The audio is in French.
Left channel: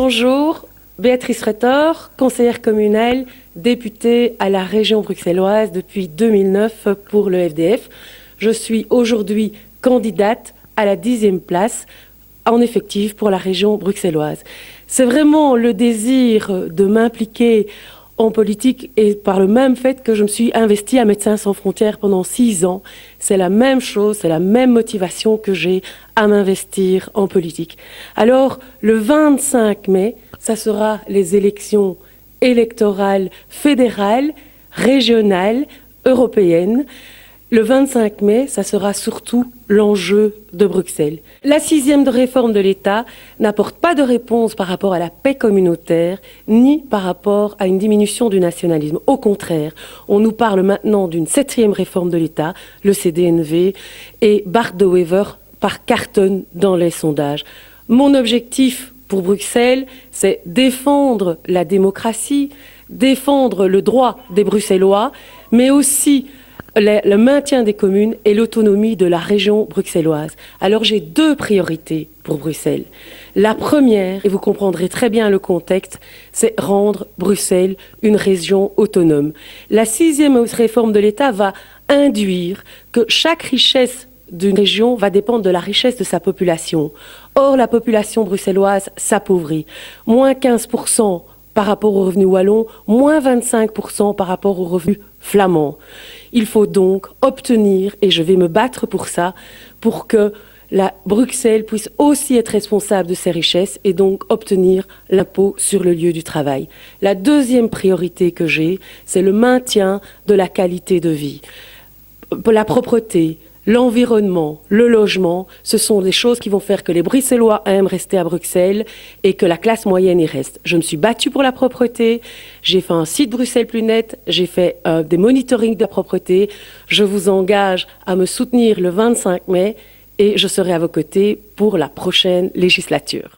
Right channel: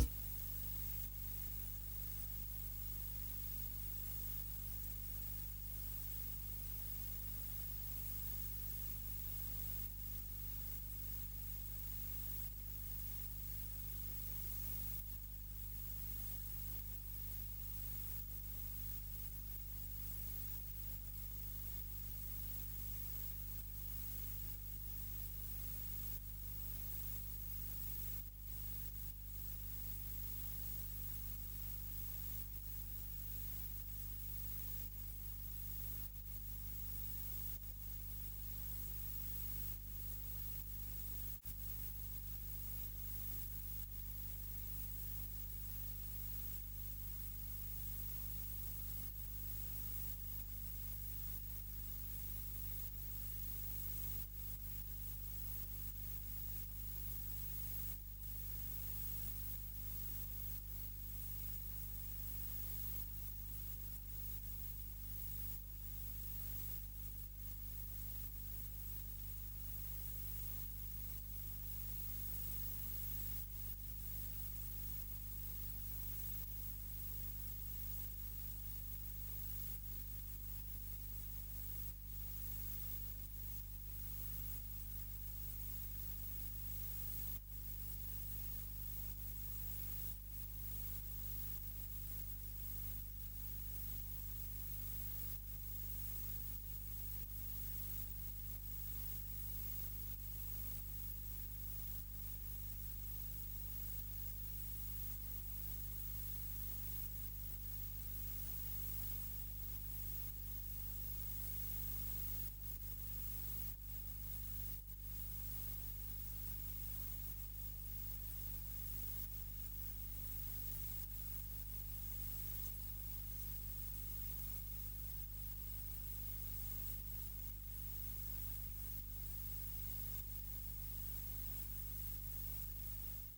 Bonjour, Béatrice Retor, conseillère communale, députée à la région bruxelloise depuis 2009 pour le FDF. Je suis aujourd'hui candidate à la 10e place en effectif pour la région bruxelloise. C'est vraiment le désir de m'impliquer en politique et par le même fait que je me suis investie à Médecins sans frontières pendant 6 ans. C'est la même chose, c'est la même motivation que j'ai à m'investir en politique. Alors, le 25 mai, ça sera les élections électorales fédérales, régionales, européennes. Le 25 mai, ça sera surtout l'enjeu de Bruxelles. La 6e réforme de l'État n'apporte pas de réponse par rapport à la paix communautaire, ni par rapport à une diminution du nationalisme. Au contraire, on nous parle maintenant d'une 7e réforme de l'État, le CDNV, et Bart de Wever par cartonne dans les sondages. Mon objectif pour Bruxelles, c'est défendre la démocratie, défendre le droit des Bruxellois, mais aussi le maintien des communes et l'autonomie de la région bruxelloise. Alors j'ai 2 priorités pour Bruxelles. La première, et vous comprendrez très bien le contexte, c'est rendre Bruxelles une région autonome. La 6e réforme de l'État va induire que chaque richesse d'une région va dépendre de la richesse de sa population. Or, la population bruxelloise s'appauvrit. Moins 15% par rapport aux revenus wallons, moins 25% par rapport aux revenus flamands. Il faut donc obtenir, et je vais me battre pour ça, pour que Bruxelles puisse aussi être responsable de ses richesses et donc obtenir l'impôt sur le lieu du travail. La 2e priorité que j'ai, c'est le maintien de la qualité de vie. La propreté, l'environnement, le logement, ce sont des choses qui vont faire que les Bruxellois aiment rester à Bruxelles et que la classe moyenne y reste. Je me suis battue pour la propreté, j'ai fait un site Bruxelles plus net, j'ai fait des monitorings de la propreté. Je vous engage à me soutenir le 25 mai et je serai à vos côtés pour la prochaine législature.